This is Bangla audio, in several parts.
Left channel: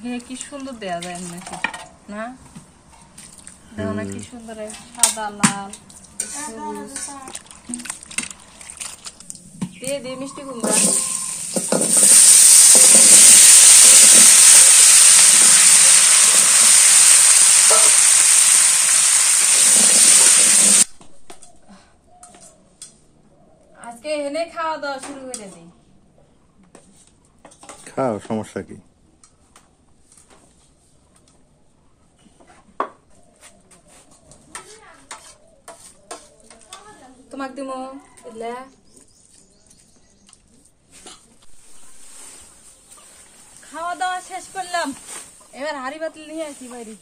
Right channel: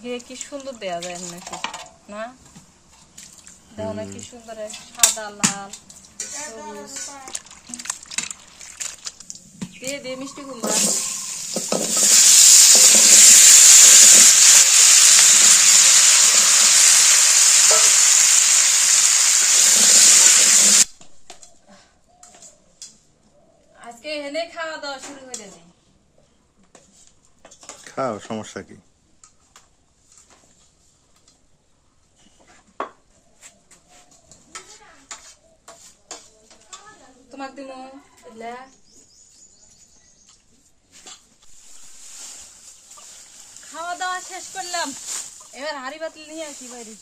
কি সুন্দর দেয়া যায় নাকি না? দেখো না কি সুন্দর সাদা লাল দিয়ে দিয়ে মিষ্টি কুমড়া আজকে এনে খাওয়া দাওয়া শুরু করে দিই। খাও, সমস্যা কি? তোমাকে দিমো এলে খাওয়া দাওয়া শেষ করলাম, এবার হাড়ি বাতিল নিয়ে আসি বাইরে।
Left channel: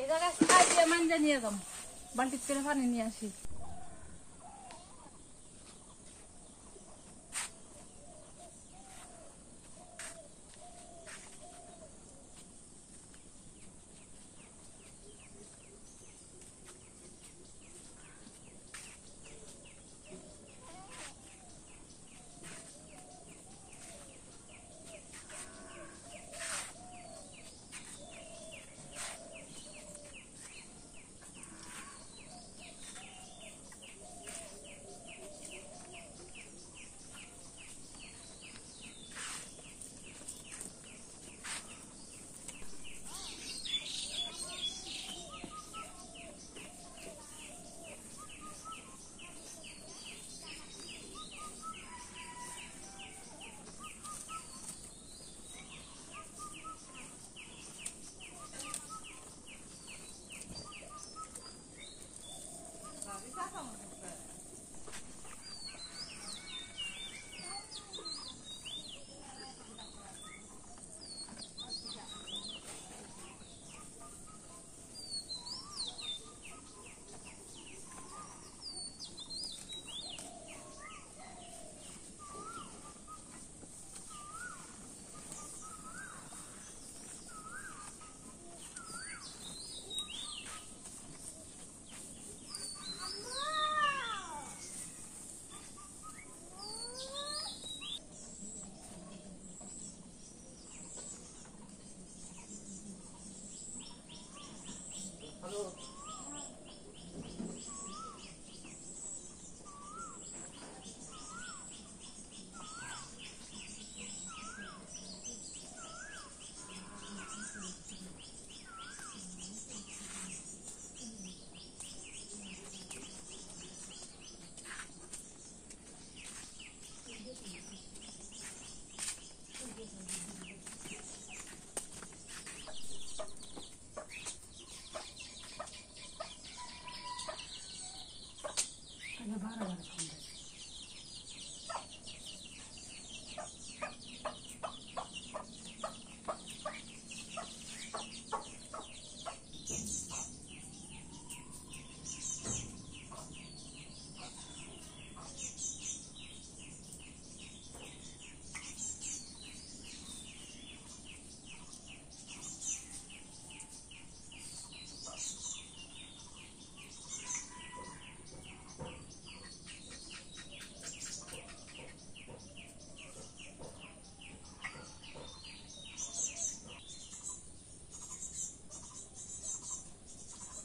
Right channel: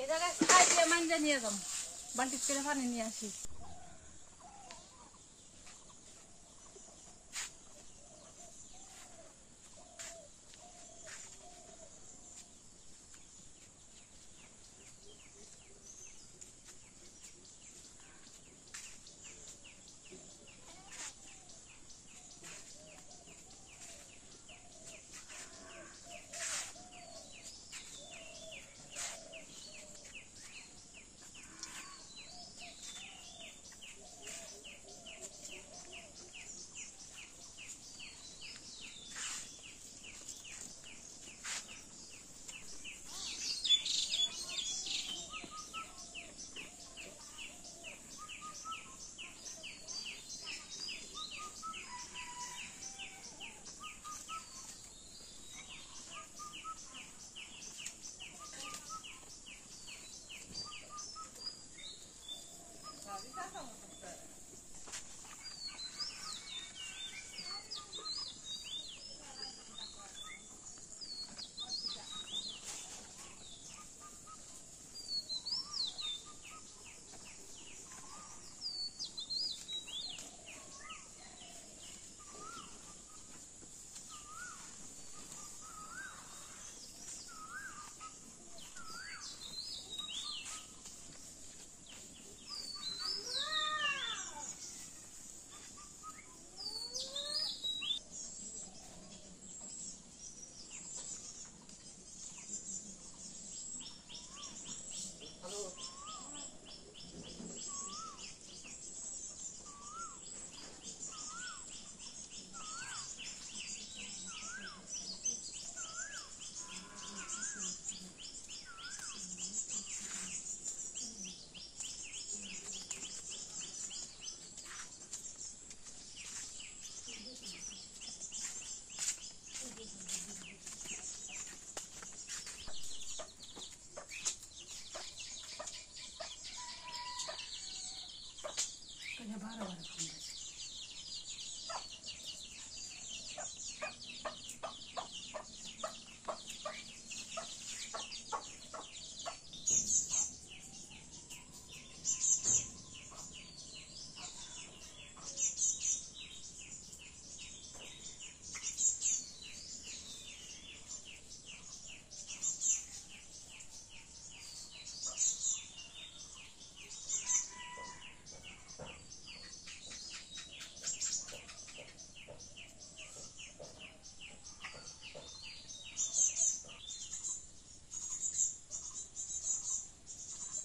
এই জায়গায় খাই দিয়ে মাঞ্জা নিয়ে যাম, বালতি করে পানি নিয়ে আসি।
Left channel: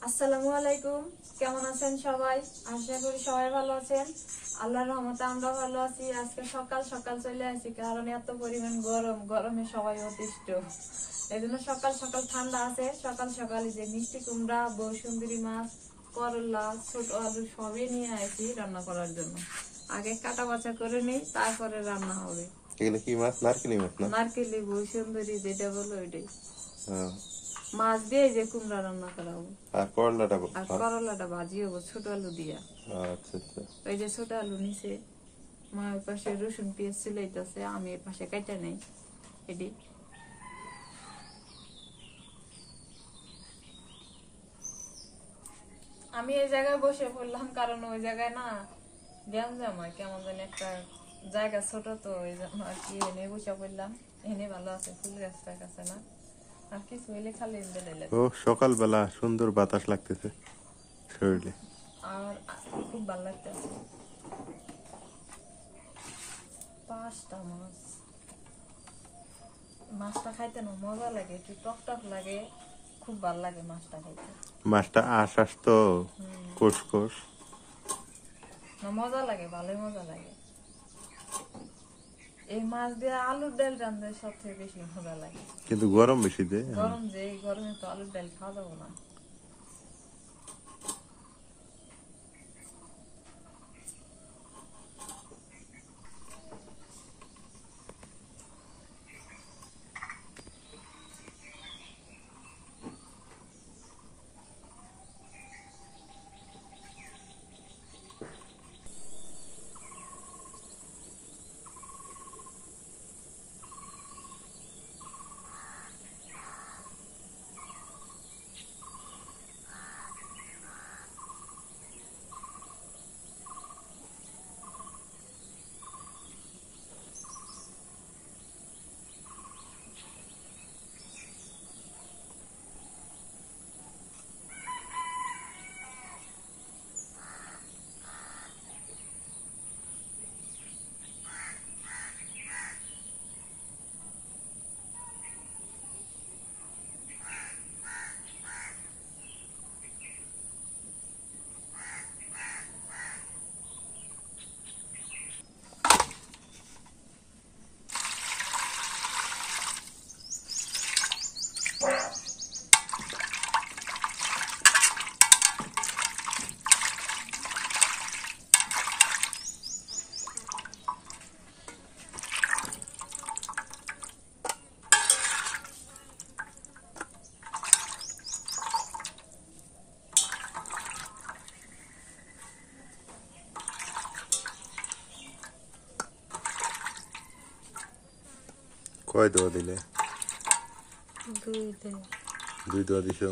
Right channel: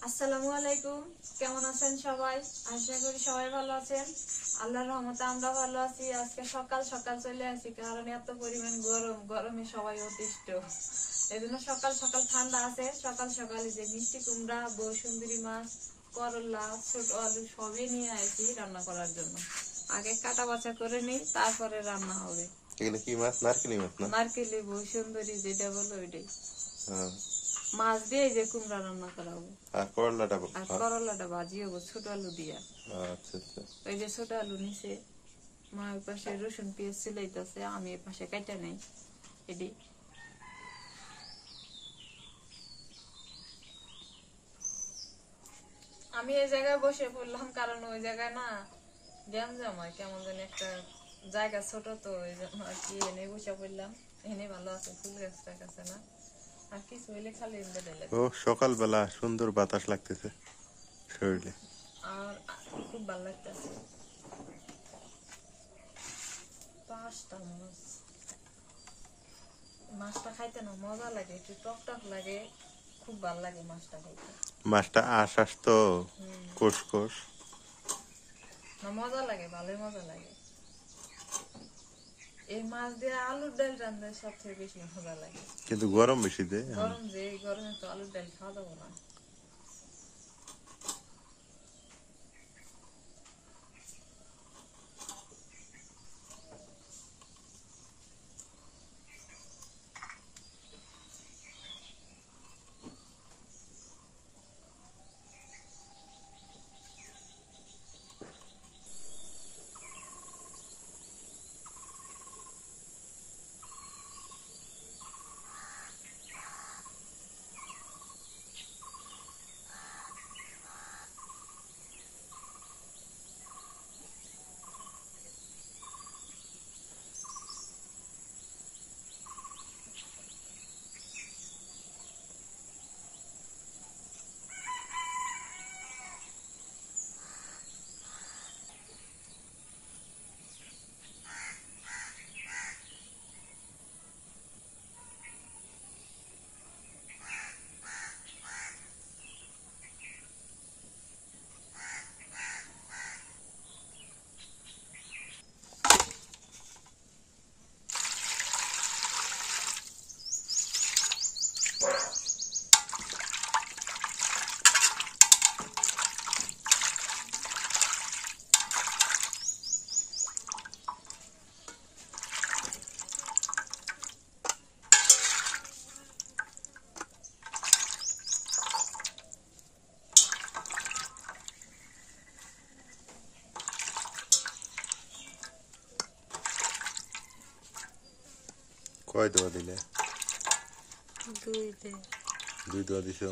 আসসালামু আলাইকুম, কেমন আছেন সবাই? আশা করি সবাই ভালো আছেন। আল্লাহর রহমতে আমরা ভালো আছি। আজকে সকাল সকাল চলে আসি, কারণ এত পরিমাণ গরম, গরমে সবাই অতিষ্ঠ। এই জন্য সকাল সকাল ঠান্ডা আছে, সকাল সকালে যে মিষ্টি কুমড়া, বসুন্দরী মাছ, করলা, ছোট আলু সবই নিয়ে আসি রান্না করার জন্য। আগে কাটা বাছা করে নিই, তারপরে রান্না হবে। এগুলো কি মাছ? নারকেলি মাছ না? নারকেলি, বসুন্দরী যেটা বলো ওইটাই। হ্যাঁ। মাছ দিয়ে যে কুমড়া রান্না করা হবে, আর করলাটা? আর করলাটা ভাজি হবো ছোট আলু দিয়া। আচ্ছা আচ্ছা। ওই যে ছোট আলু নিচে মা ওই পাশে রসুন পেঁয়াজ সিলাইতেছে, আমি এই পাশে কাটা নেই। এটি আমি এই জায়গায় বসে পড়লাম, কারণ ওই জায়গায় না গ্যাঞ্জাম হয়, কেমন জানি একটা জায়গা ছোট, তো ওই জন্য আর কি এনে বসে পড়লাম। এনে ভালো আছে, ফুল গাছটার কাছে না, আর কিছু হইলে খালি ও সকালবেলা সুন্দর বাতাস লাগতেছে শরীরে, আর খুব ভালো লাগতেছে। 5টা মাছ মাছটা খাইতে না মজা লাগে, একটু টক টক লাগে, খুব ভালো লাগে মাছটা খাইতে। মাছটা আশ তো কোষ কোষ না মজা লাগে, ভালোই মজা লাগে। এই মাছ দিয়ে আলুর ডাল রান্না সব থেকে বেশি মজা লাগে, কিন্তু গরম বেশি দে। গরম যে এই গরমে তো আলুর ডাল খাওয়া যাবো না। কয় দোয়া দিলে? দুইতে। 2 দোয়া দিছো?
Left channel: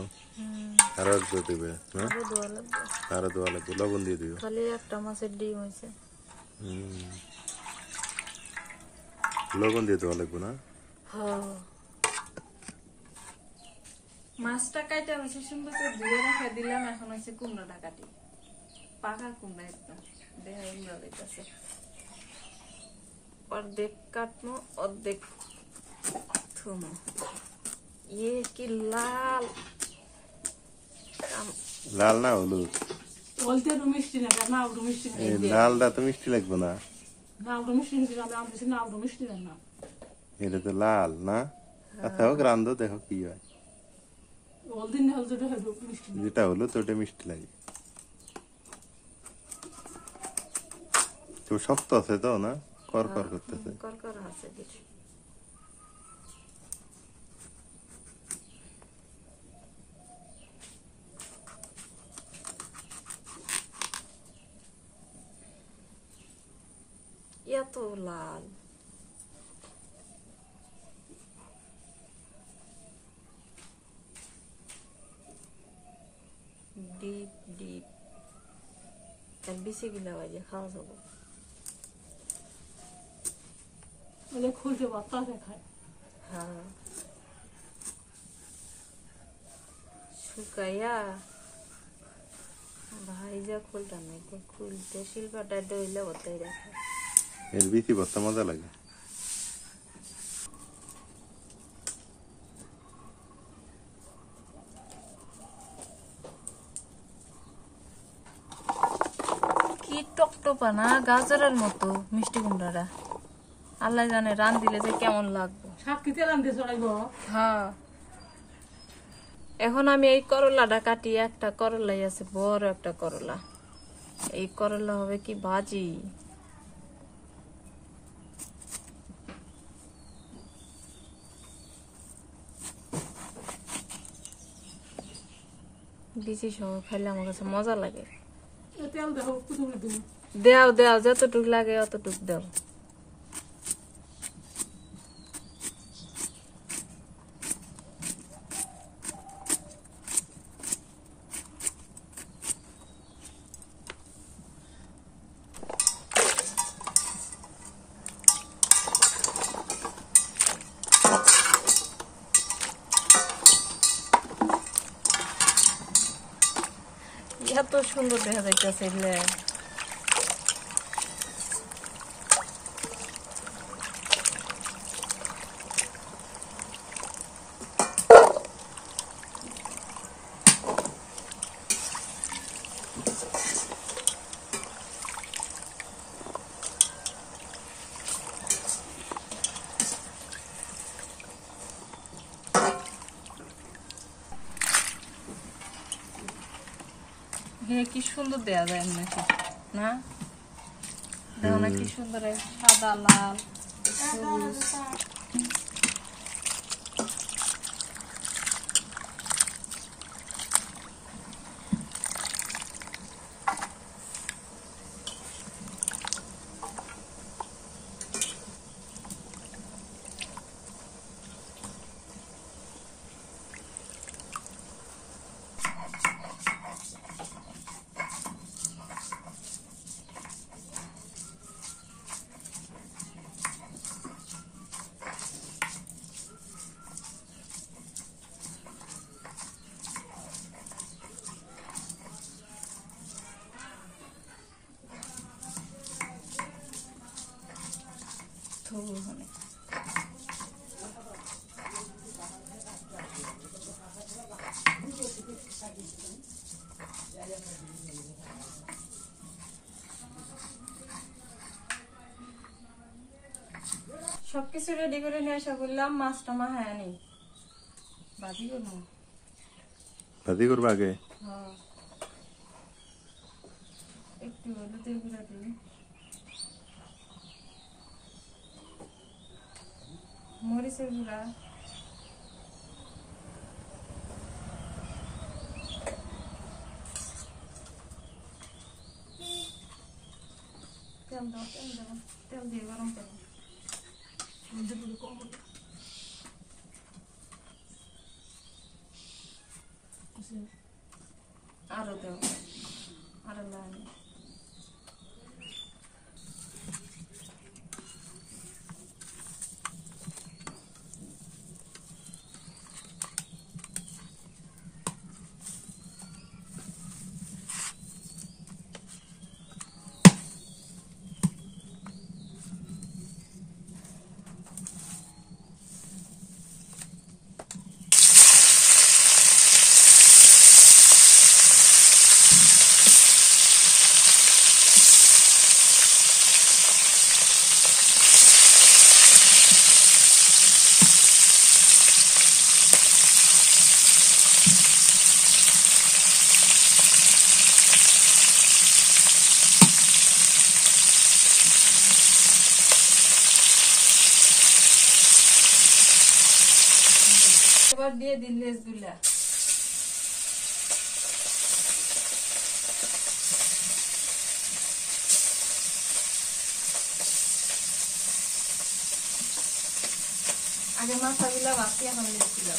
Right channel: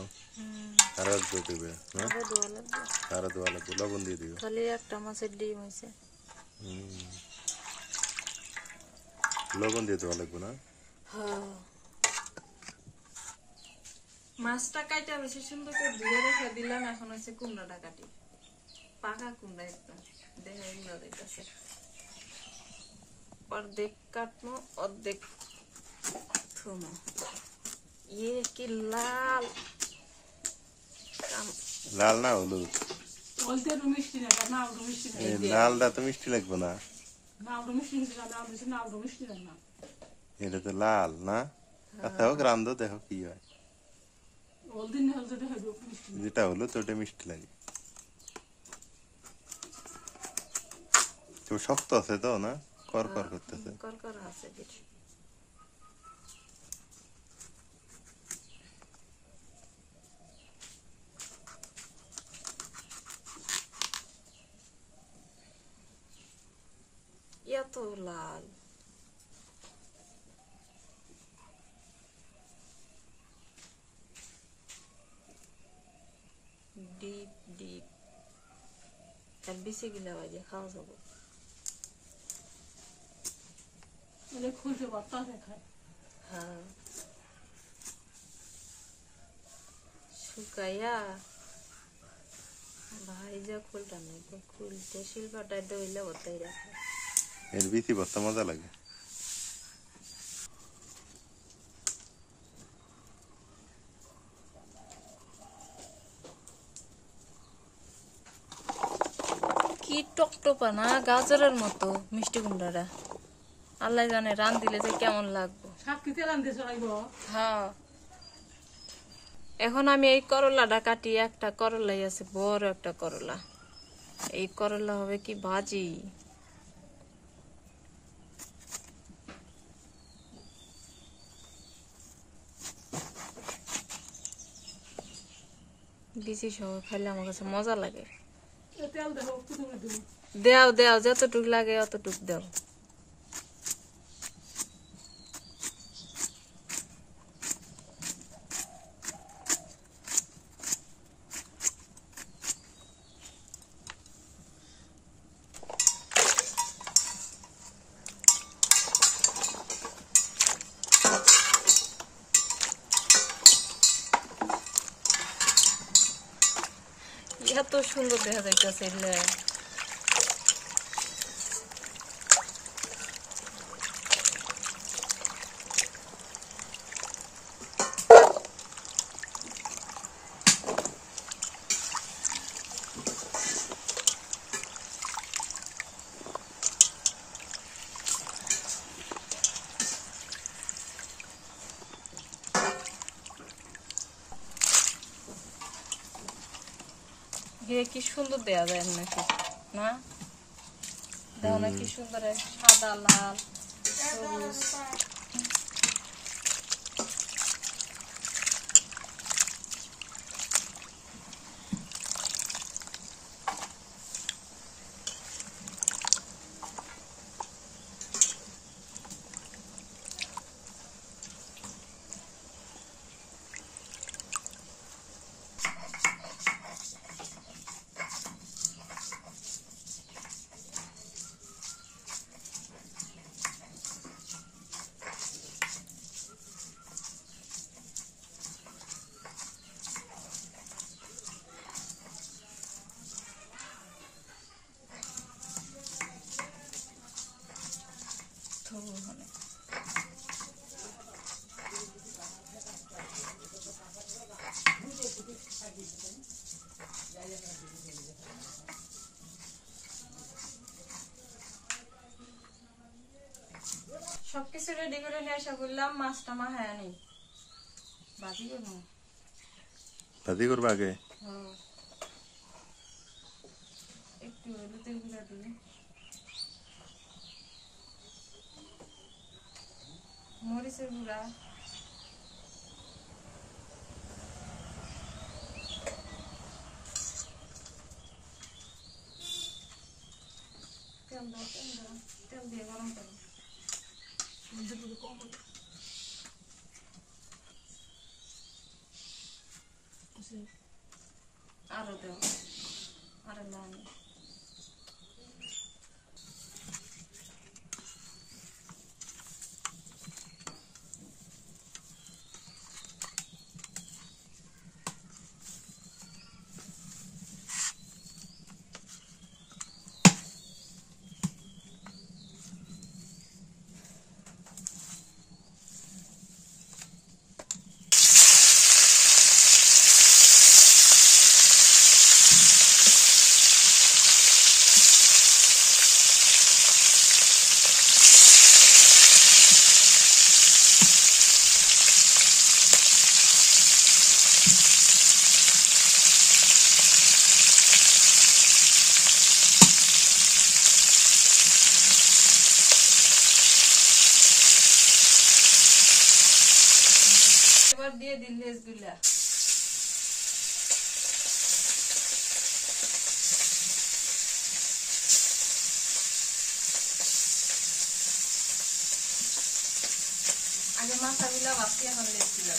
আরো 1 দোয়া দিবে না? আরো দোয়া লাগবে, লবণ দিয়ে দিও। খালি একটা মাছের ডিম হয়েছে। লবণ দিয়ে দোয়া লাগবে না? মাছটা কাইটা হয়েছে সুন্দর করে ধুয়ে রেখে দিলাম, এখন হয়েছে কুমড়াটা কাটি। পাকা কুমড়া একদম দেখা এগুলো দিতেছে। অর্ধেক কাটবো, অর্ধেক থুমো। ইয়ে কি লাল! লাল না হলুদ? লালটা তো মিষ্টি লাগবে না। এটা তো লাল না? আচ্ছা হোক, রান্ধো দেখো কি হয়। যেটা হলুদ ওটা মিষ্টি লাগে। তো শক্ত আছে তো না, কর কর করতেছে। করকর আছে কিছু। এত লাল! ডিপ ডিপ আর বেশি গিলা বাজে খাওয়া যাবো। হ্যাঁ, শুকাইয়া ভাইজা খুলতাম না, খুলতে শিল্পাটা দইলে ওটাই রাখে। এর বিচি ভর্তা মজা লাগে। কি টকটপা না, গাজরের মতো মিষ্টি কুমড়াটা। আল্লাহ জানে রান দিলে যে কেমন লাগবে। হ্যাঁ, এখন আমি এই করলাটা কাটি। একটা করলাই আছে, বড় একটা করলা। এই করলা হবে কি ভাজি। বিচি সহ খাইলে আমার কাছে মজা লাগে। দেও দেও, যতটুক লাগে অতটুক দেও। এত সুন্দর দেখা যাইতেছে। ঘে কি সুন্দর দেয়া যায় নাকি না দেখো না কি সুন্দর সাদা লাল সবুজ। সবকিছু রেডি করে নিয়ে আসা বললাম, মাছটা মা হ্যাঁ নি ভাজি করবো। ভাজি করবো আগে? হ্যাঁ, একটু হলুদের গুঁড়া দিই, মরিচের গুঁড়া, তেল দাও, তেল দাও, তেল দিয়ে গরম করো। আরো দাও, আরো লাগে। এবার দিয়ে দিন লেজগুলা। আগে মাথাগুলা বাকি, এখন লেজগুলা।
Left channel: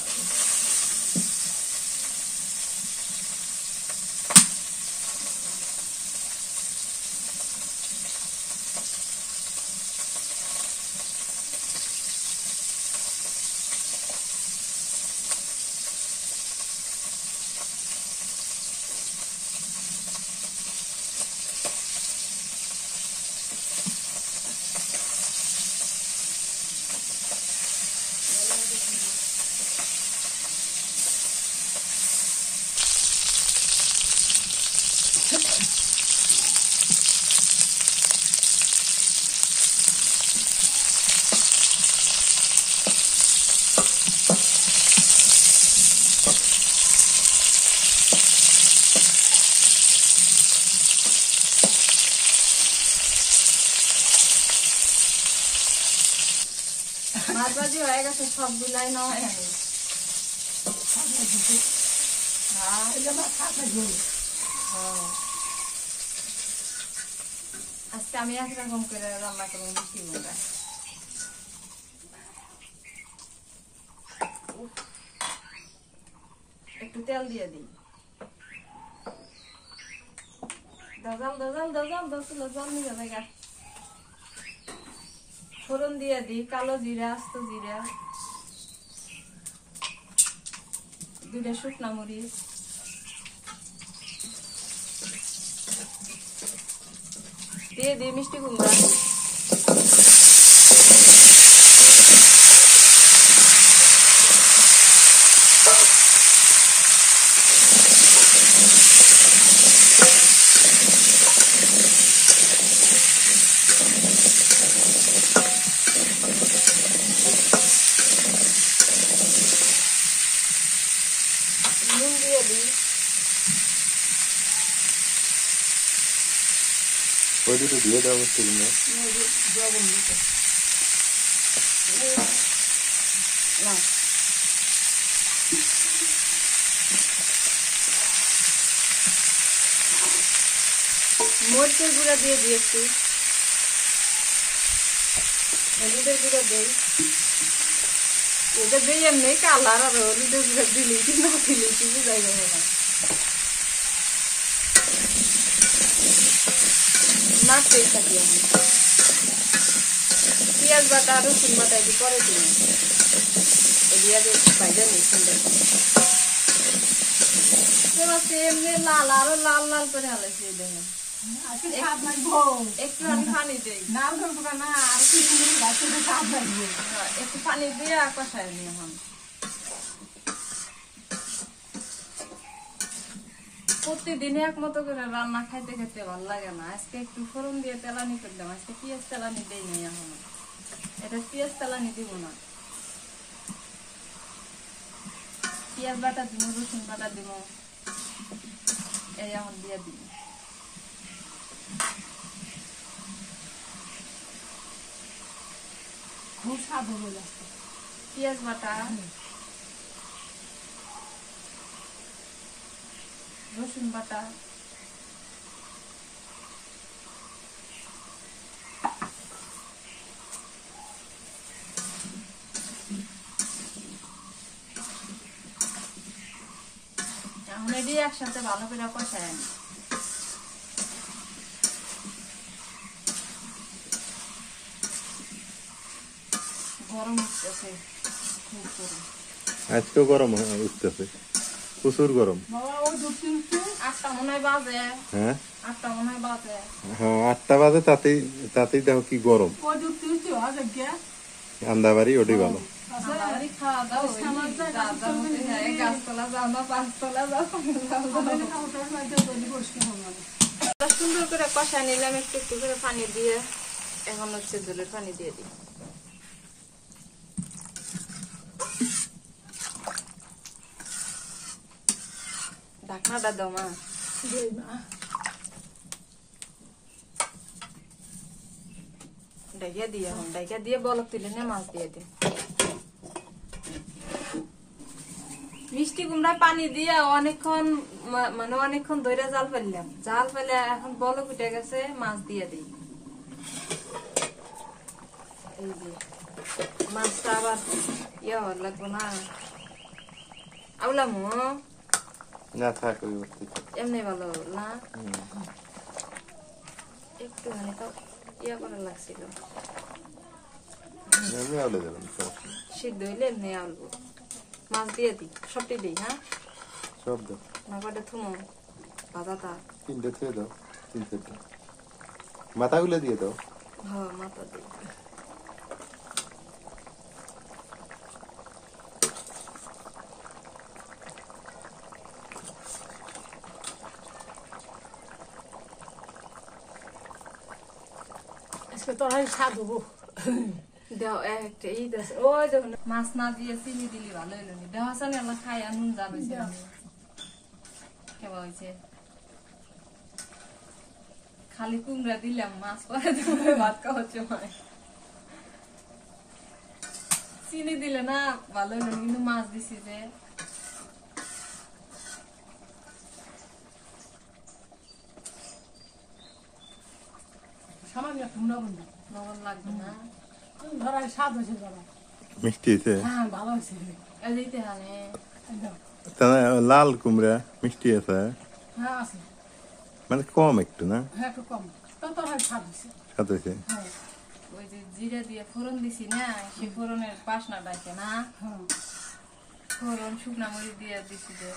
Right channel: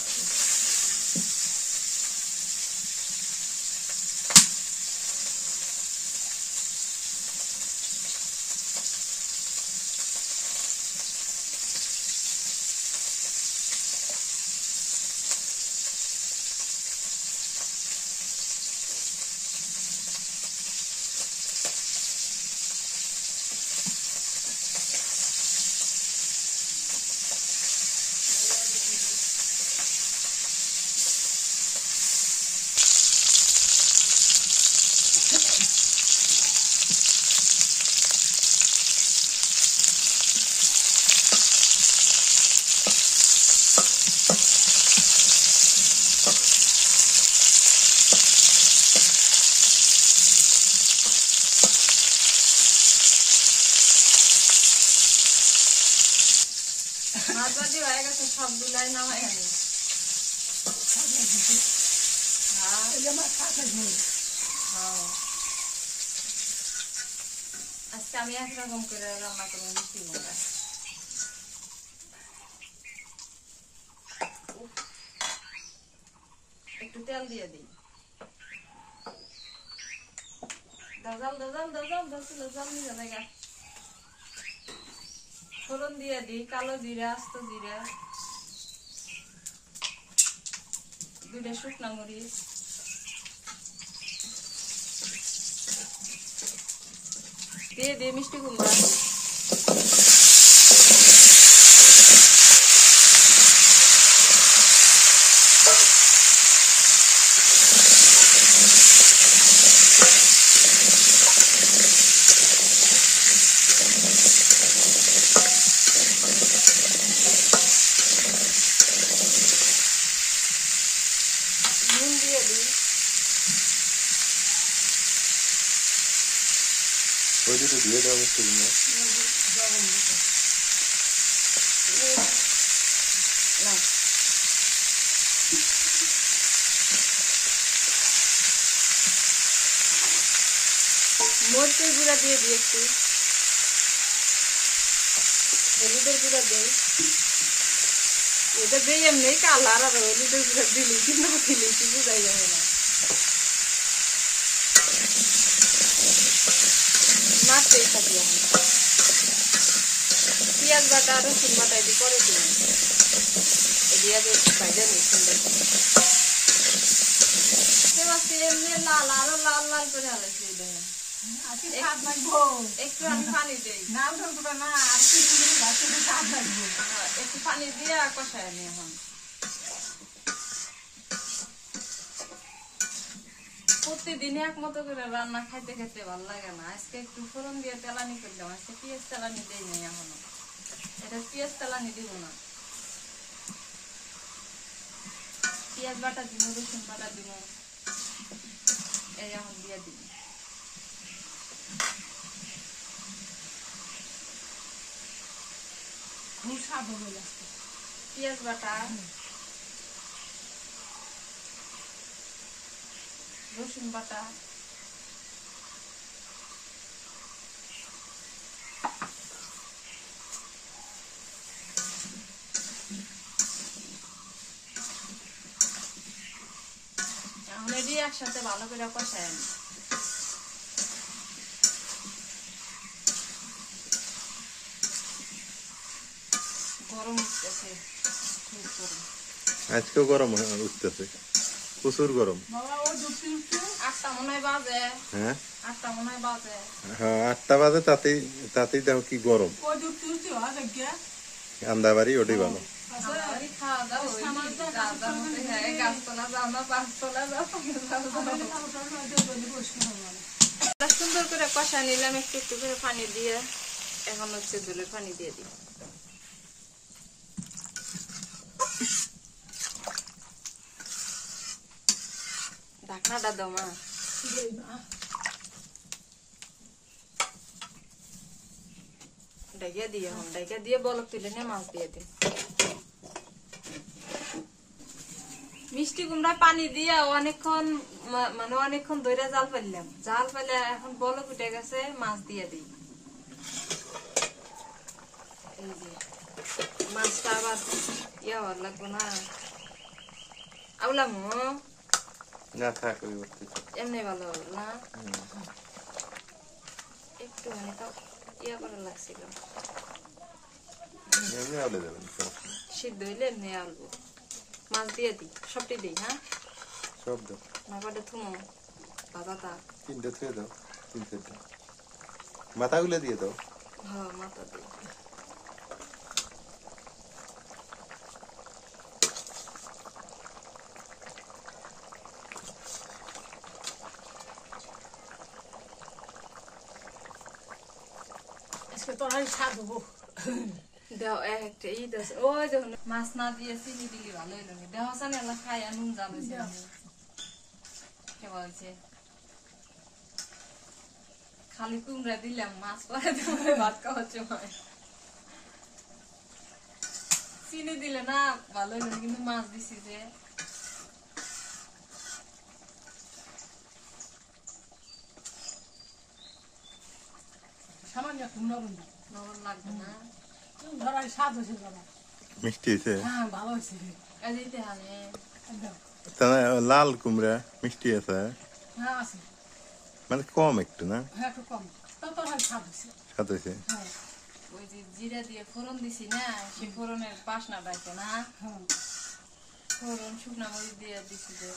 মাছ ভাজি হয়ে গেছে, সবগুলাই নামাই আনি। আজকে আমি একরকম করে রান্না করবো, মিষ্টি কুমড়া। একটু তেল দিয়ে দিই, দাজাল দাজাল দাজাল দাজাল জল নিয়ে যাবে। ফোড়ন দিয়ে দিই কালো জিরা, আস্ত জিরা, 2টা শুকনা মরিচ, দিয়ে দিই মিষ্টি কুমড়া, নুন দিয়ে দিই, ওই দুটো দিয়ে দাও মিষ্টি কুমড়া। না মরিচের গুঁড়া দিয়ে দিয়েছি, হলুদের গুঁড়া দেই, ওটা দিয়ে এমনি কালার হবে, হলুদের গুঁড়া দিলে কি না দিলে কি বোঝাই যাবে না। নাড়তেই থাকি আমি, পেঁয়াজ বাটা রসুন বাটা এটি পরে দিই, এটি আগে ভাজা নিই সুন্দর করে। এমনি লাল আরো লাল লাল করে হালাইছি দেখেন। একটু আমি পানি দিই, একটু পানি দিয়ে কষায় নি। এখন প্রতিদিন এক মতো করে রান্না খাইতে খেতে ভালো লাগে না। আজকে একটু ফোড়ন দিয়ে তেলানি করলাম, আজকে পেঁয়াজ তেলানি দিই নাই এখনো, এটা পেঁয়াজ তেলানি দিব না। পেঁয়াজ বাটা দিব, রসুন বাটা দিব, এই এখন দিয়ে দিব। খুব স্বাদ হবে লাগছে। পেঁয়াজ বাটা, রসুন বাটা, এখন এটি একসাথে ভালো করে কষায় আনি। গরম উঠতেছে, খুব গরম, আজকেও গরম উঠতেছে, প্রচুর গরম। বাবা ও দুটি উঠে 8টা মনে হয় বাজে, হ্যাঁ 8টা মনে হয় বাজে। হ্যাঁ 8টা বাজে, তাতেই দেখো কি গরম। ও দুটি উঠে আছে কে আন্দাবাড়ি ওটাই ভালো। আমারই খাওয়া দাওয়া হয়েছে, হ্যাঁ গাছতলা যাও না, পাঁচতলা যাও, সুন্দর করে কষা নিলাম, একটু একটু করে পানি দিয়ে। এখন হচ্ছে জলের পানি দিয়ে দিই। ঢাকনাটা দাও মা, ডাইকা দিয়ে, এখন ডাইকা দিয়ে বলক তুলে নিয়ে মাছ দিয়ে দিন। মিষ্টি কুমড়া পানি দিয়ে অনেকক্ষণ, মানে অনেকক্ষণ ধরে জাল ফেললাম, জাল ফেলে এখন বলক উঠে গেছে, মাছ দিয়ে দিই। এই যে মাছটা আবার ইয়ে হওয়ার লাগবো না, আউলামো না থাক এমনি ভালো না, একটু মানে তো ইয়া করার লাগছিল, এমনি আউলে যাবেন, সিদ্ধ হইলে এমনি আলবো। মাছ দিয়ে দিই, সবটি দিই, হ্যাঁ সব দাও, না কটা থুমো বাদাটা, 3টে থুয়ে দাও, 3-4টা মাথাগুলো দিয়ে দাও। হ্যাঁ মাথা দিই। আজকে তোর স্বাদ হবো। দেও একটা এই দেশ, ওই দেখুন মাছ না দিয়ে চিনি দিলি ভালো হইলো নি। দেওয়া সানি আল্লাহ খাই নুন জাল হয়েছে, কেবা হয়েছে। খালি কুমড়া দিলাম, মাছ পরে দিয়ে ভাত খাওয়ার সময় চিনি দিলে না ভালো হইলো, কিন্তু মাছ দিছি যে সামান্য একটু লবণ দাও, লবণ লাগবে না। ধর স্বাদ হয়েছে বাবা। মিষ্টি হয়েছে, হ্যাঁ ভালো হয়েছে। এই দিতে হানে লাল কুমড়া মিষ্টি আছে, হ্যাঁ আছে, মানে কম একটু না, হ্যাঁ একটু কম, তাও তোর স্বাদ হয়েছে। স্বাদ হয়েছে। হ্যাঁ ওই যে জিরা দিয়ে ফোড়ন দিছি না, সেই ফোড়নের বাসনা ডাকে না, হ্যাঁ ফোড়ন শুকনা মরিচ দিয়ে দিছি যে।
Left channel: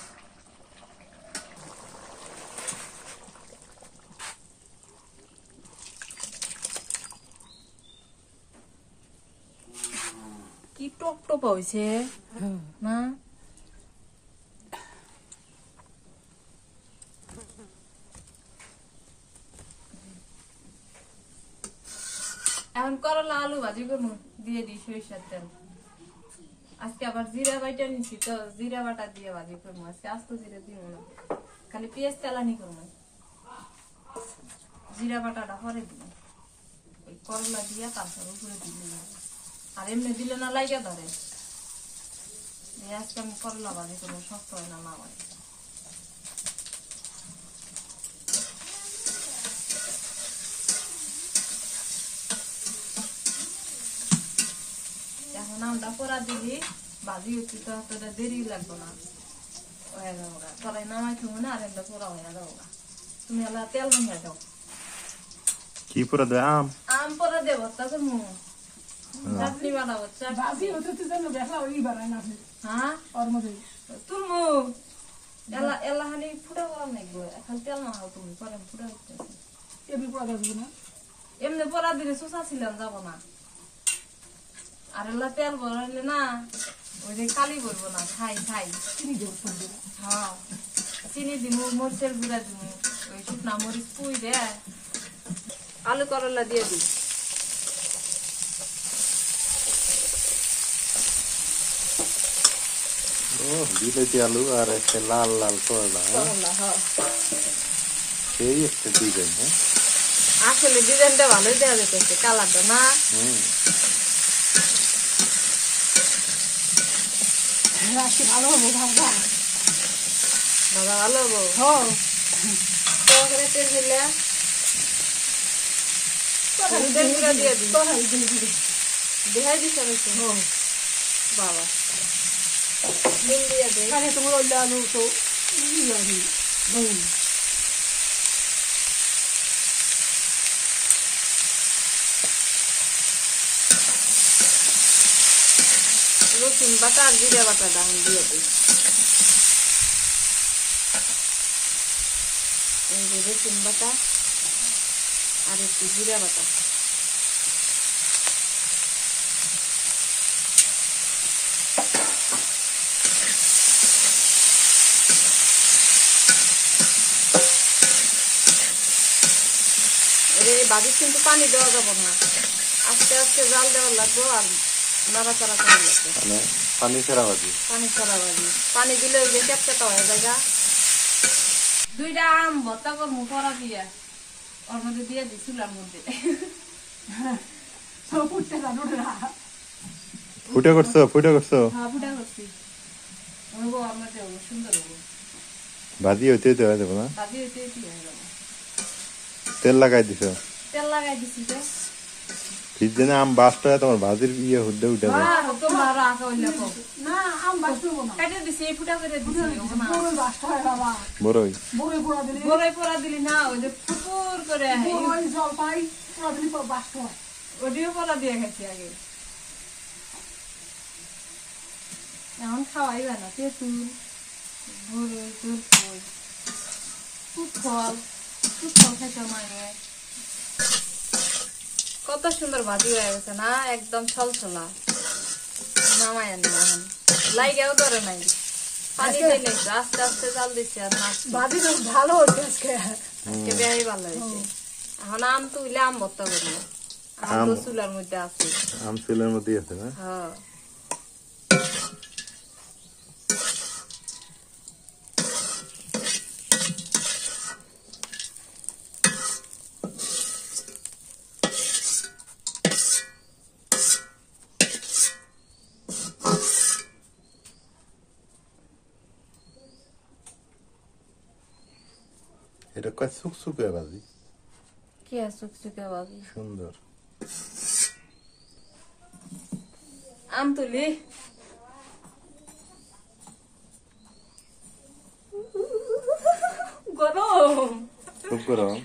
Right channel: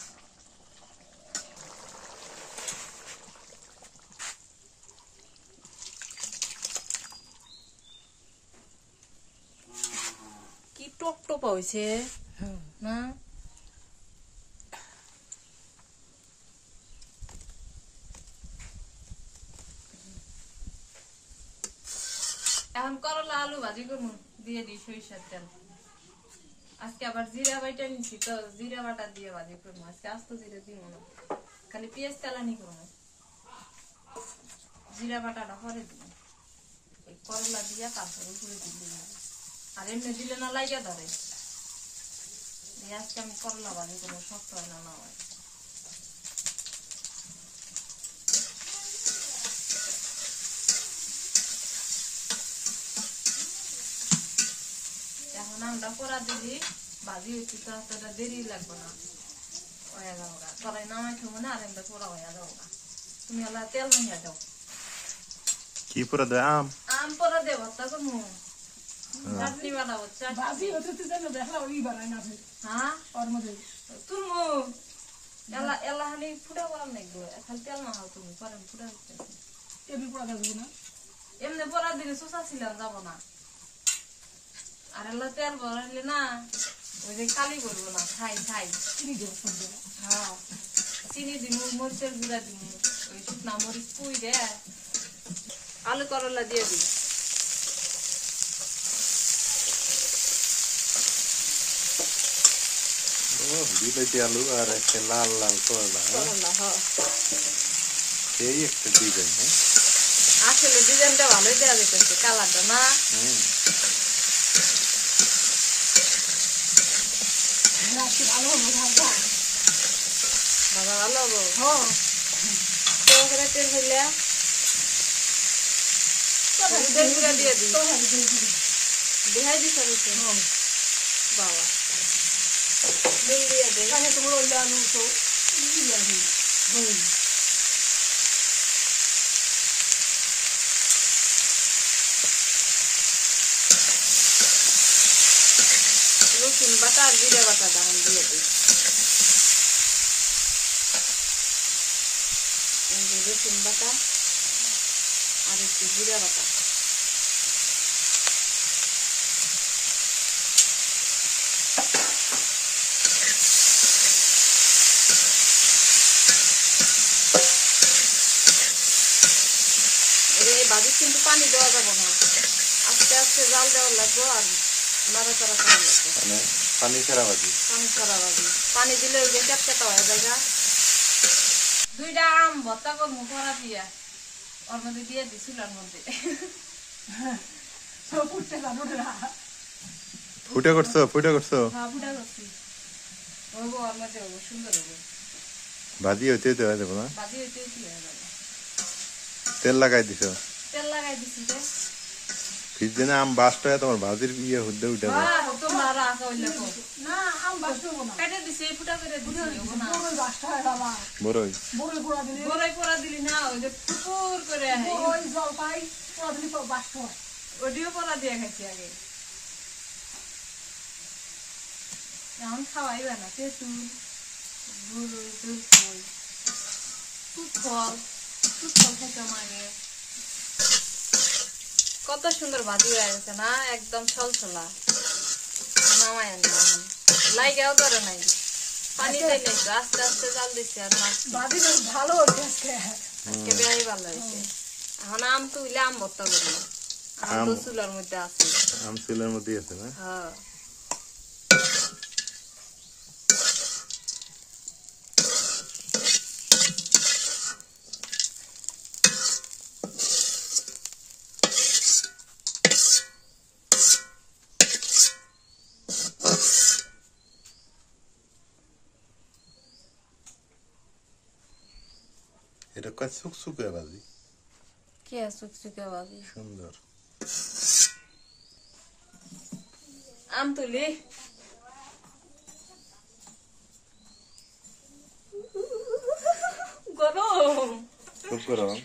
কি টপ টপ হয়েছে না, এখন করলা আলু ভাজি করবো, দিয়ে দিই সরিষার তেল। আজকে আবার জিরা বাটা নিছি তো, জিরা বাটা দিয়ে ভাজি করবো আজকে, আস্ত জিরা দিব না, খালি পেঁয়াজ তেলানি করবো। জিরা বাটাটা পরে দিব, ওই করলা দিয়া তারপর উপরে দিলে হবে। আর এমনি দিলে না লাইগা ধরে। আজকে আমি করলা ভাজি কোনো শক্ত হয় না, না হয়। এখন আমরা পোড়া দিলি ভাজি হচ্ছে তো এতটা দেরি লাগবে না, হয়ে যাবো গা। তলাই নামাই খাবো না, আর একটা পোড়া হয়ে যাবো গা। তুমি আলা তেল ভাঙিয়া দাও। কি পুরা দেয় আম? আম পোড়া দিয়ে ভর্তা করবো, চাটনি বানাবো, বাজি হতে তো যেন দেখা ওই বানায় না ফের। হ্যাঁ ওর মধ্যে তুলমু এলা এলা হানি ফুটা করার নাই গো, এখন তেল মাখাও তুমি, পরে ফুটা দিতেছি। এমনি পড়া যাবে না। এমনি পড়া দিলে চুষা ছিলাম যাবো না, আর এলা তেল ভরাইলে না ওই যে কালি করবো না, খাই খাই। চিনি দেবো সবজি। হ্যাঁ চিনি দিমু, মরিচের গুঁড়া দিমু, ওই শুকনা মরিচ পুই দে, আলু করলা দিয়ে দিই। ও বিলেতি আলু আর একটা লাল লাল করলা, সেই একটা ডিজাইন। হ্যাঁ আসলে ডিজাইনটা ভালোই দেওয়া যেতেছে, কালারটা না। রাখছি ভালো হবে ভাববা। বাবা ভালো হবো। হ্যাঁ তেল হইলে হলুদের গুঁড়া দিয়ে দিই। দেখাই দিস বাবা, ডিম দিয়ে দে। তাহলে তোমার ওই আলু তো রসুন বাটা আর জিরা বাটা দাম দিয়ে দিই। এই যে রসুন বাটা আর একটু জিরা বাটা। ভাজি কিন্তু পানি দেওয়া যাবো না, আস্তে আস্তে জাল দেওয়া লাগবো আর নাড়াচাড়া করা লাগবে। মানে পানি ছাড়া ভাজি? পানি ছাড়া ভাজি, পানি দিলে ওই যে ক্যাপচাটা হয়ে যায়। দুইটা আম ভর্তা করবো করা দিয়া, ওর মধ্যে দিয়ে দিছিলাম মধ্যে। ফুটে করছো? ফুটে করছো? হ্যাঁ ফুটা করছি, হবো ওর মধ্যে হবো, সুন্দর হবো। ভাজি হইতে হইতে হয়ে যাবো না? ভাজি হইতে হয়ে যাবো। তেল লাগাই দিছো? তেল লাগাই দিছি যে ফ্রিজে না আম বাস্ট হয় তোমার ভাজির ইয়ে হুদ্দে উঠে যায়। তোমরা আরো আঁকা হইলে না আম বাঁচবো না। কেটে দিছি, ফুটা করে দিছি। বড়ই বাঁচতে হয় বাবা। বড়ই বড়ই পোড়া দিলে বড়ই পোড়া দিলি না, ওই যে ফুপুর করে বড়ই জলপাই পোড়া দিলে বাঁচতে হয়। ওডিও পোড়া দিয়ে খাইছি আগে। এখন খাওয়াই যায় না, তেঁতুল বড়ই জলপাই ফুটফল খাইতে মাগে। কত সুন্দর ভাজি হয়ে গেছে না, একদম ছলছলা। নামাই আনি এখন, লাইগাও ধরে নাই, পানি দিয়ে নেই, আস্তে আস্তে জাল দিচ্ছি। আর ভাজি ভালো হচ্ছে আজকে। আজকে বেশি ভালো হয়েছে। এখন আম তুইলে আম ভর্তা করবো, আম তো চুলার মধ্যে আছে। আম চুলের মধ্যে আছে না? হ্যাঁ এটা কয় শুকশুকে ভাজি, কি শুকশুকে ভাজি সুন্দর। আম তুলি গরম, খুব গরম।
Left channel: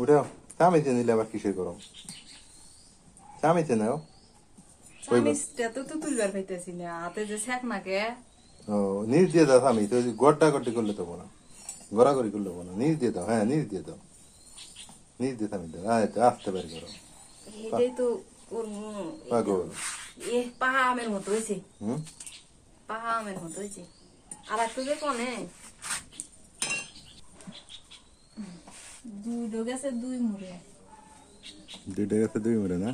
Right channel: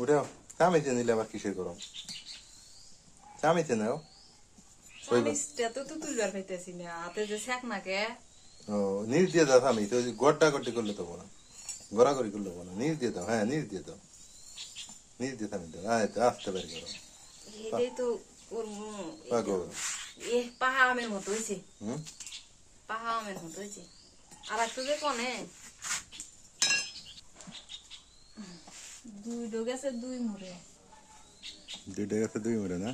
উঠাও, চামিচে নিলে আবার কিসের গরম? চামিচে নাও। চামিচটা তো তুলবার পাইতেছি না, হাতে যে শেখ নাকে। ও নিচ দিয়ে দাও চামিচ, ওই গড়টা গড়টি করলে তো না, গড়াগড়ি করলে না, নিচ দিয়ে দাও। হ্যাঁ নিচ দিয়ে দাও, নিচ দিয়ে চামিচ দাও। হ্যাঁ আসতে পারি করো। এটাই তো পাগল। পাহা আমের মতো হয়েছে, হুম পাহা আমের মতো হয়েছে। আর একটু যে কনে দুই ডোগেছে, দুই মুড়ে, দুইটা গেছে দুই মুড়ে না?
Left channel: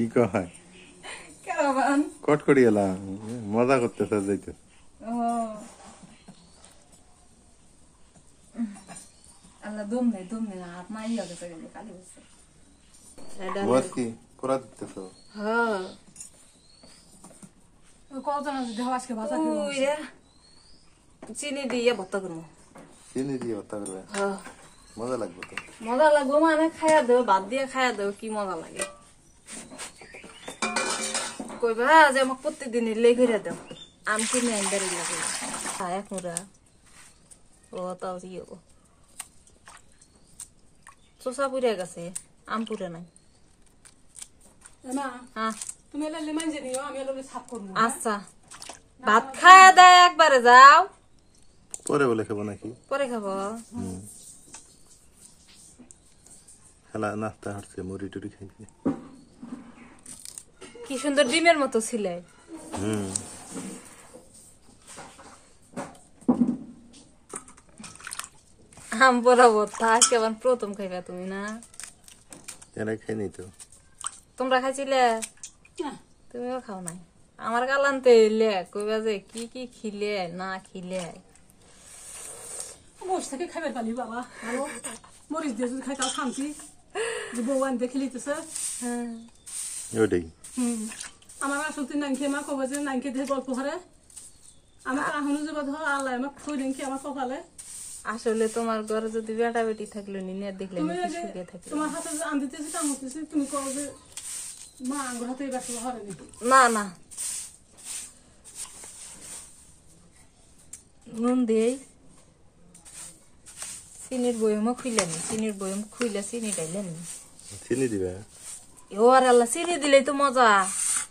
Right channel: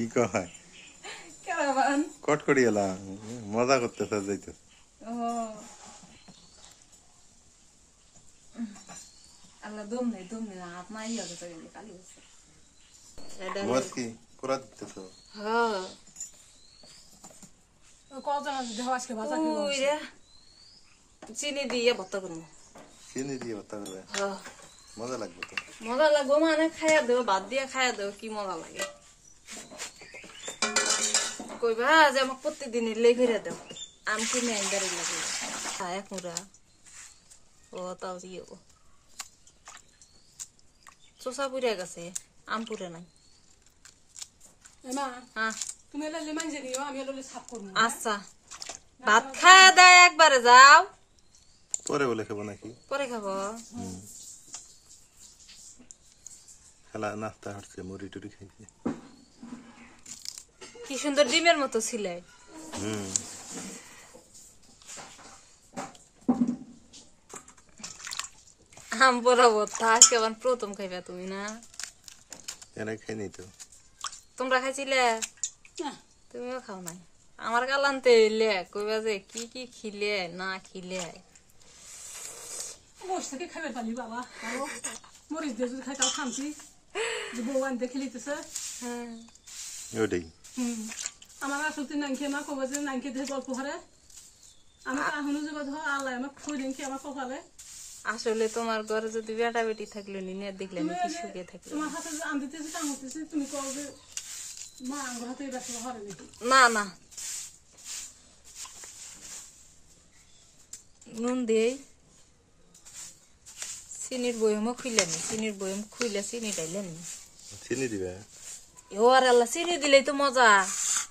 কি কয় কারাবান কটকটি এলা মজা করতেছে যাইতে ও আল্লাহ দম নেই হাত নাই আগে তো গেলে কালি বসে বস কি কোরা দিতেছো হ্যাঁ কতজন যদি হয় আজকে বাজার ওই রে চিনি দিয়ে ভর্তা করবো চিনি দিয়ে ভর্তা করবে হ্যাঁ মজা লাগবে তো মজা লাগবো মানে খাইয়া দেবো ভাত দিয়ে খাইয়া দেবো কি মজা লাগে কইবা যে আমাকে প্রত্যেকদিন লেই করে দেব আম কিনে আইন বেড়ে লাগে এক মুড়া ও তাও দিয়ে চোষা পুড়ে গেছে আম পুড়ে নাই না হ্যাঁ তুমি এলে লেমন জানিও আমি এলে সাফ করব আচ্ছা ভাত খাইয়া দেয় একবারে যাও পরে বলে খাবো নাকি পরে খাবো খেলা নাস্তা হচ্ছে মুড়ি টুড়ি খাইছে কি সুন্দর ডিমের মতো ছিলে আম পরাবো তা কেমন প্রথম খাইবা তুমি না এরা খাই নি তো তোমরা খাইছিলে তুমিও খাও নাই আমার কালান্তে এলে কইবা যে কি কি খিলে না খিলে বস থেকে খাবার পালি বাবা ভালো মরিচ দিয়ে যদি খাই তাও শান্তি যে বউ আনতে খেলিতেছে হ্যাঁ ওটাই আমার আসলে নাইনকে মা কবে যে নাইনকে দিয়ে গল্প হারে আমার এখনো যোগা ধর আল্লাহ আমার খুঁই নাইনকে আমার কপালে আসলে তোমার ঘরে যদি বেটা বেটি থাকলে নিয়ে দেখলে তুমি নাকি সুখে থাকলে তোমার হাতে যে আনতেছি কাম হতেছে তুমি কও যে মা আঙ্গুর হাতে ব্যস্ত হরে না না নুন দেই চিনির বয়মও খুইলেনি চিনির বয়ম খুইলে চিনি ডাইলেনি চিনি দিবে ও আর আল্লাহ চিনি দিলেই তো মজা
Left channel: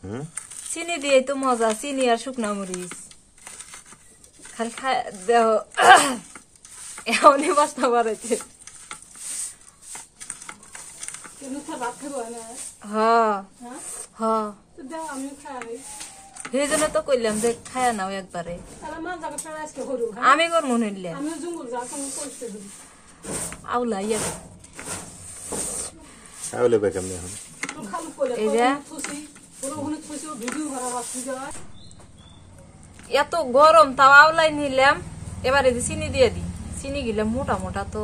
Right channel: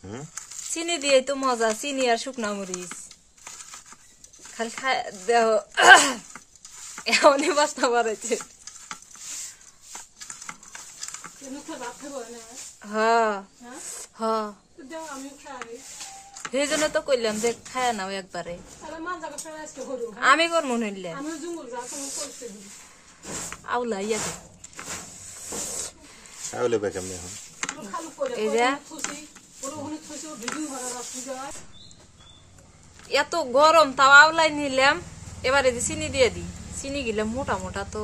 হুম চিনি দিলেই তো মজা চিনি আর শুকনা মরিচ খালি খাই দেহ এমনি বাস্তা বাড়াইছে তুমি খা ভাত খাবো না হ্যাঁ হ্যাঁ হ্যাঁ তো দাও আমি খাই সেই জন্য তো কইলাম যে খায় নাও একবারে তাহলে মান যাবে ফেরা আজকে হরু হ্যাঁ আমি করবো নিলে আমিও জঙ্গল যা কোনো করতে দিই আউলা ইয়া তাহলে বেকাম নেই এখন তো খালু করে এই যে খুশি ওর ওখানে খুশি ও ভিডিও ভরা বাকি যায় এত গরম তাও আউলাই নিলাম এবারে যে চিনি দিয়ে দিই চিনি গিলে মোটা মোটা তো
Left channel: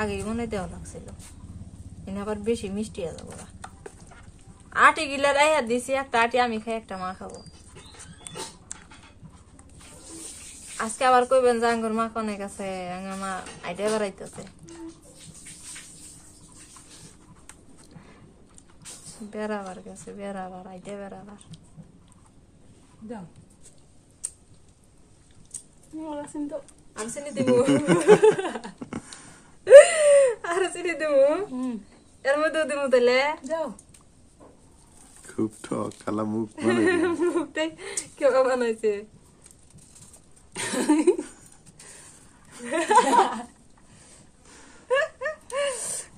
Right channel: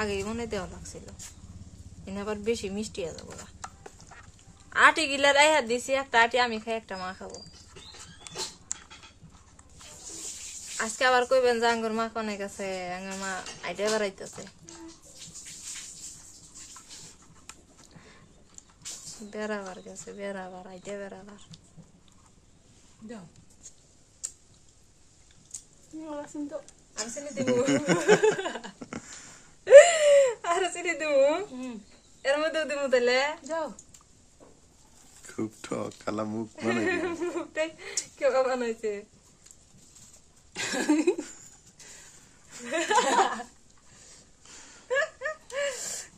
আগে মনে দেওয়া লাগছিল এনে আবার বেশি মিষ্টি হয়ে যাবো আটি গিলে রাইহা দিছি একটা আটি আমি খাই একটা মা খাবো আজকে আবার কইবেন যে আঙ্গুর মা কনে গেছে আঙ্গুর মা আইডা বেড়াইতেছে বেড়াবার গেছে বেড়াবার আইডা বেড়াবার দাও ওরা সিনতো আমি চিনি দিব আর চিনি দিব এর মধ্যে দিব তাহলে যাও খুব ঠক কালা মুখ বানাই মুখটাই কেমন বানাইছে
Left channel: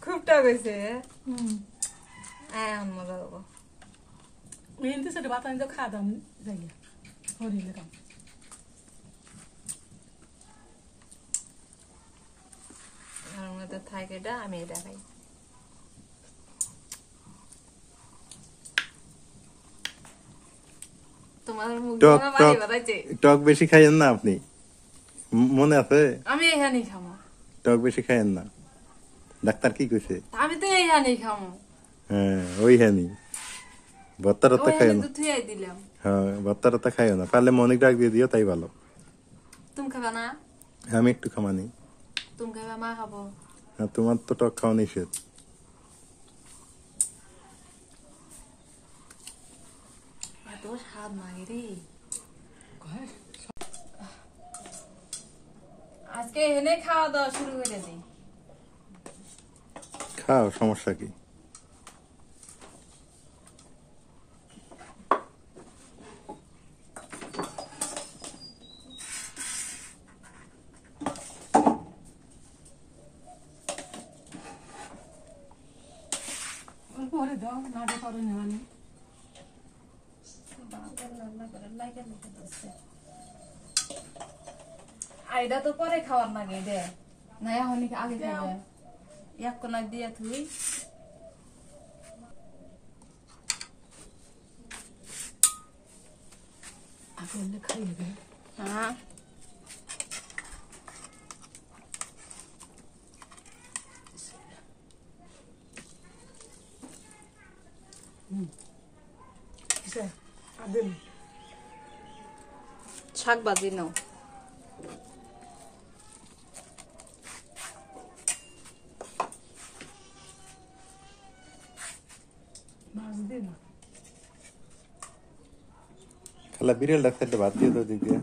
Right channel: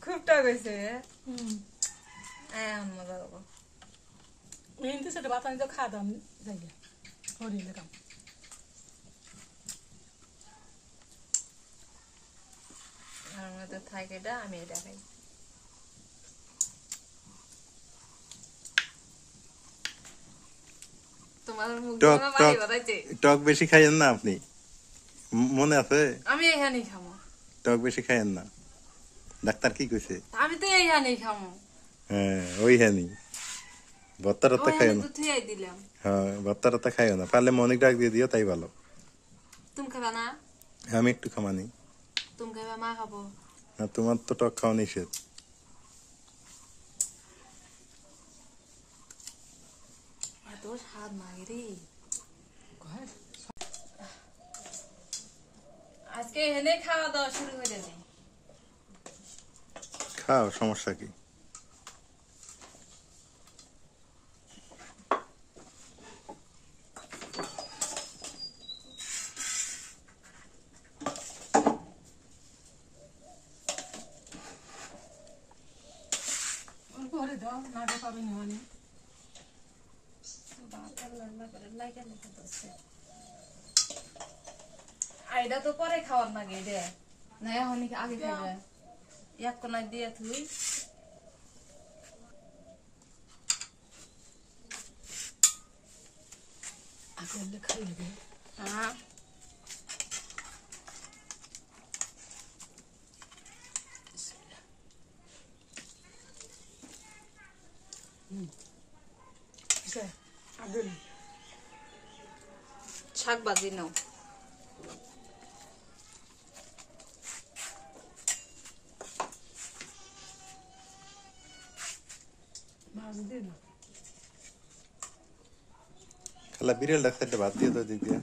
খুব টাক হয়েছে এখন মজা হবো মেহেন্দি সেটা বাতানি তো খাওয়া দাম যাই হরিলে কাম আমার মধ্যে থাকে এটা আমি এটা খাই তোমার মুখ টক বাড়ি টক বাড়াইছে টক বেশি খাইয়েন না আপনি মনে আছে আমি এখানেই খামো টক বেশি খাইয়েন না ডাক্তার কি কইছে আমি তো এইখানেই খামো হ্যাঁ ওই হ্যানি ভত্তা টত্তা খাইও না তো থুয়াই দিলাম হ্যাঁ ভত্তা টত্তা খাইও না পারলে মনিক ডাক দিয়ে দিও তাই ভালো তুমি খাবা না আমি একটু খামানি তুমি খাবা মা খাবো হ্যাঁ তোমার তো টক খাওয়া নিষেধ এত স্বাদ লাগে রে আজকে এনে খাওয়া দাওয়া শুরু করে দিই খাও সমস্যা কি পরে দাও না দে পারো না আমি আইডা তো পরে খাওয়ার লাগে দে না এখন আগে খাইবে এক কোনায় দিয়ে তুই করলে খাইয়ে দেবে। হ্যাঁ কিসে? আর দিন। শাক ভাজি নাও। মাছ দিন। খালা বিড়াল ডাক্তার ভাত দিয়ে তো দিক দিয়ে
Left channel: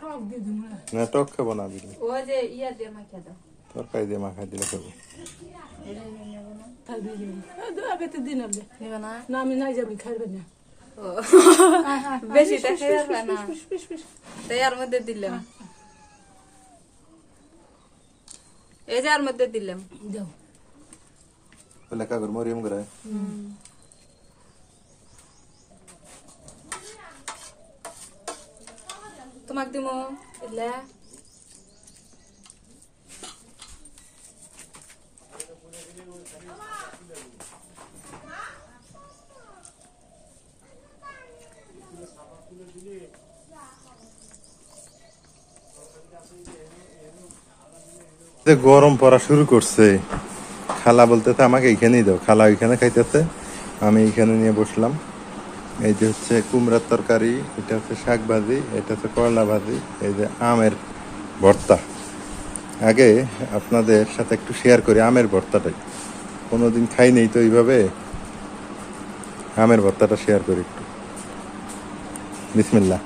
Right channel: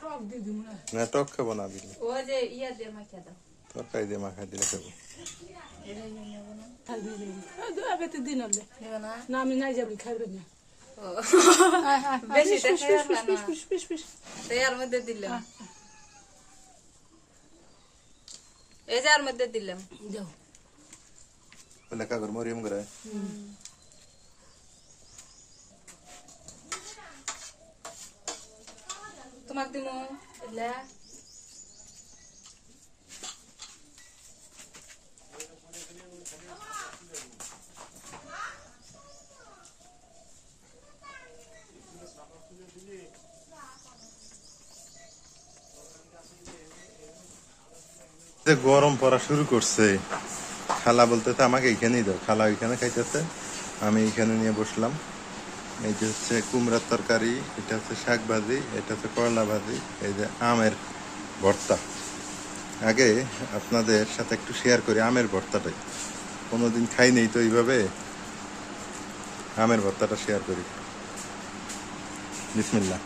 টক দিয়ে দিব না। না টক খাবো না বিড়াল ওই যে ইয়া দিয়ে মাখিয়ে দাও। তরকারি দিয়ে মাখা দিলে খাবো খাই দিয়ে দিব। বেতে দিন আপনি। নেবে না? না আমি নাই যাবি খাইবেন না। ও, বেশি দেখা না। Piece piece piece. তাই এর মধ্যে দিলাম। এই যে এর মধ্যে দিলাম। যাও। বলে কাগর মরিয়ম করে তোমাক দিমু এলে গরম পড়া শুরু করছে খালা বলতেছে আমাকে এখানেই দাও খালা ওইখানে খাইতেছে আমি এখানে নিয়ে বসলাম এই যে হচ্ছে কুমড়ার তরকারি এটা হচ্ছে শাক ভাজি এটা হচ্ছে করলা ভাজি এই যে আমের ভর্তা আগে আপনাদের সাথে একটু শেয়ার করি আমের ভর্তাটাই কোনোদিন খাই নেই তো এইভাবে আমের ভর্তাটা শেয়ার করি বিসমিল্লাহ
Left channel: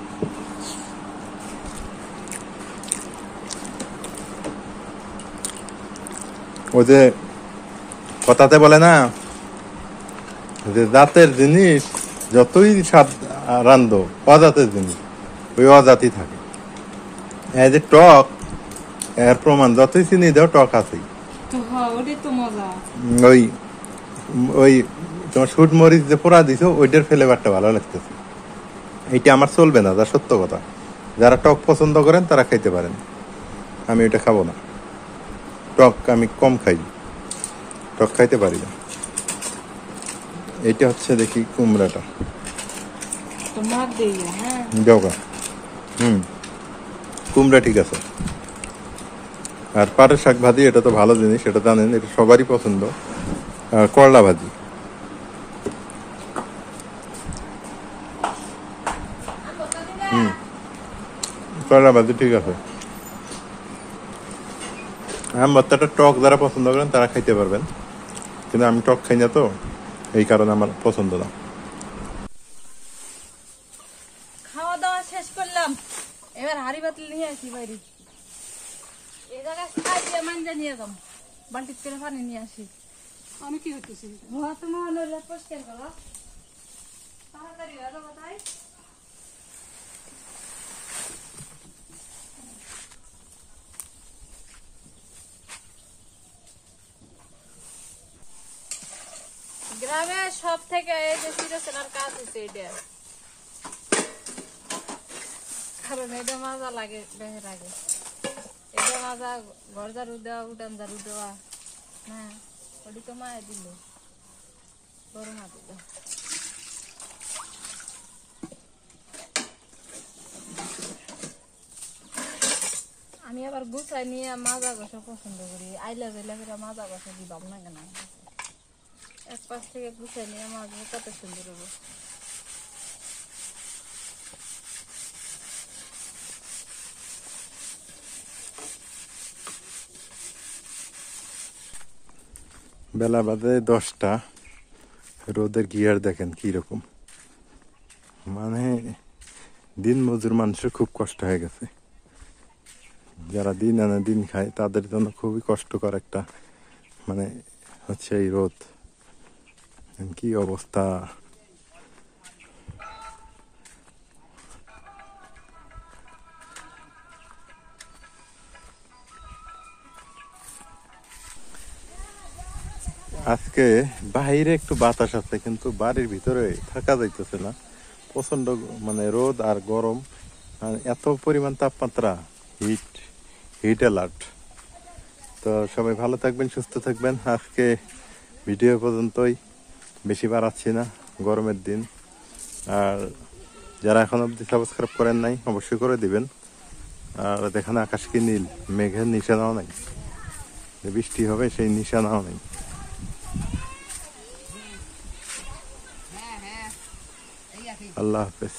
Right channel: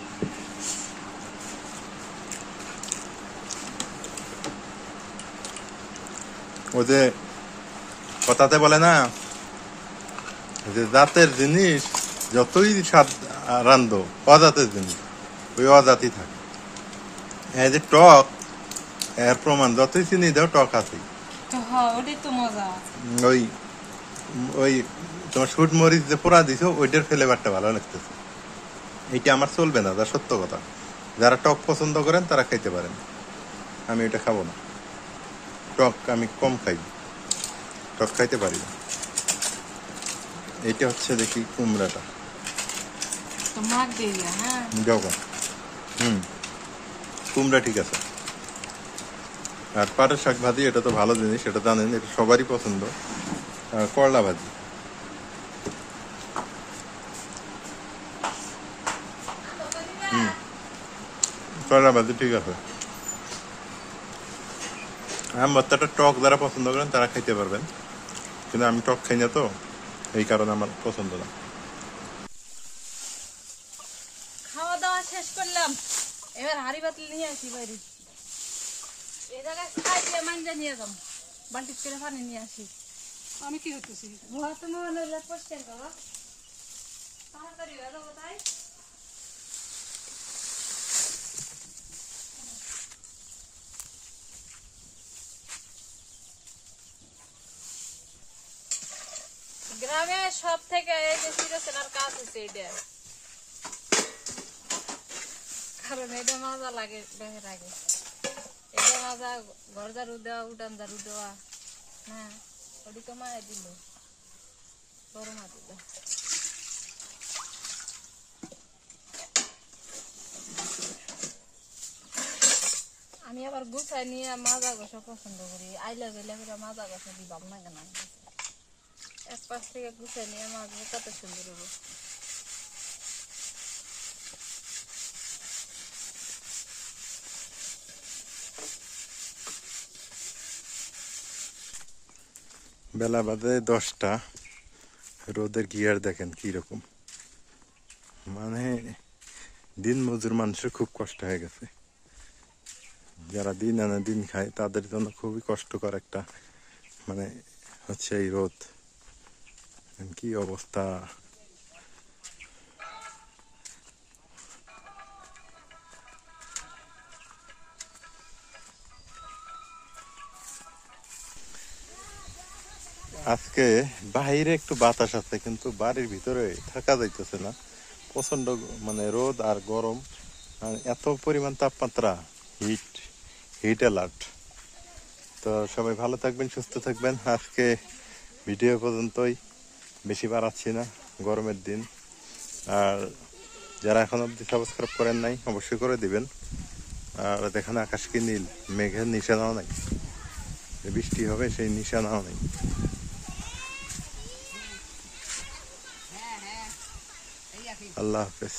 ও যে কথাতে বলে না যে জাতের জিনিস যতই স্বাদ রান্ধো অজাতের জিনিস ওই অজাতি থাকে এই যে টক এর প্রমাণ যতই চিনি দাও টক আছে তো হ্যাঁ ওটাই তো মজা। ওই ওই তোমার শুট মরিচ যে পোড়া দিছো ওইটার ফ্লেভারটা ভালো লাগতেছে এইটা আমার চলবে না যা সত্য কথা যারা টক পছন্দ করেন তারা খাইতে পারেন আমি ওইটা খাবো না টক আমি কম খাই টক খাইতে পারি না এটা হচ্ছে দেখি কুমড়াটা তো মাখ দিয়ে হ্যাঁ জগা কুমড়া ঠিক আছে আর পাটের শাক ভাজি এটা তো ভালো জিনিস এটা জানেন এটা সবারই পছন্দ আর করলা ভাজি করলা ভাজি ঠিক আছে আম ভর্তাটা টক যারা পছন্দ করেন তারা খাইতে পারবেন কিন্তু আমি টক খাই না তো এই কারণে আমার পছন্দ না খাওয়া দাওয়া শেষ করলাম এবার হাড়ি বাতিল নিয়ে আসি বাইরে এই জায়গায় খাই দিয়ে মাঞ্জা নিয়ে যাম বালতি করে পানি নিয়ে আসি আমি কি হইতেছি? তুমি হলে পরিষ্কার করো তাড়াতাড়ি হয়ে যাবো তাই গ্রামে সব থেকে এই যে চিরচেনার কাজ হচ্ছে এটা কারণ এটা মজা লাগে বেহের আগে এটা মজা ঘর ঝাড়ু দেওয়া উঠান ঝাড়ু দেওয়া হ্যাঁ ওটি তো মায়ে দিল বড় মা দিল আমি আবার গুছাই নিয়ে মাজা ঘষা পছন্দ করি আইলা গেলে করে মাজা ঘষা দিবাম না কেন এক পাশ থেকে গুছাই নিয়ে মাজবো কত সুন্দর হবো বেলা বাজে 10টা রোদের গিয়ার দেখেন কিরকম মানে দিন মজুর মানুষের খুব কষ্ট হয়ে গেছে যারা দিন আনে দিন খায় তাদের জন্য খুবই কষ্টকর একটা মানে হচ্ছে এই রোদ কি অবস্থা আজকে বাইরে একটু বাতাস আছে কিন্তু বাড়ির ভিতরে থাকা যাইতেছে না প্রচন্ড মানে রোদ আর গরম আর এত পরিমাণ তাপমাত্রা হিট অ্যালার্ট তো সবাই ভালো থাকবেন সুস্থ থাকবেন আজকে ভিডিও পর্যন্তই বেশি বাড়াচ্ছি না গরমের দিন আর যারা এখন অব্দি সাবস্ক্রাইব করেন নাই অবশ্যই করে দিবেন। আর দেখেন আকাশ কি নীল, মেঘের নিশানাও নাই, যে বৃষ্টি হবে সেই নিশানাও নেই। আল্লাহ হাফেজ।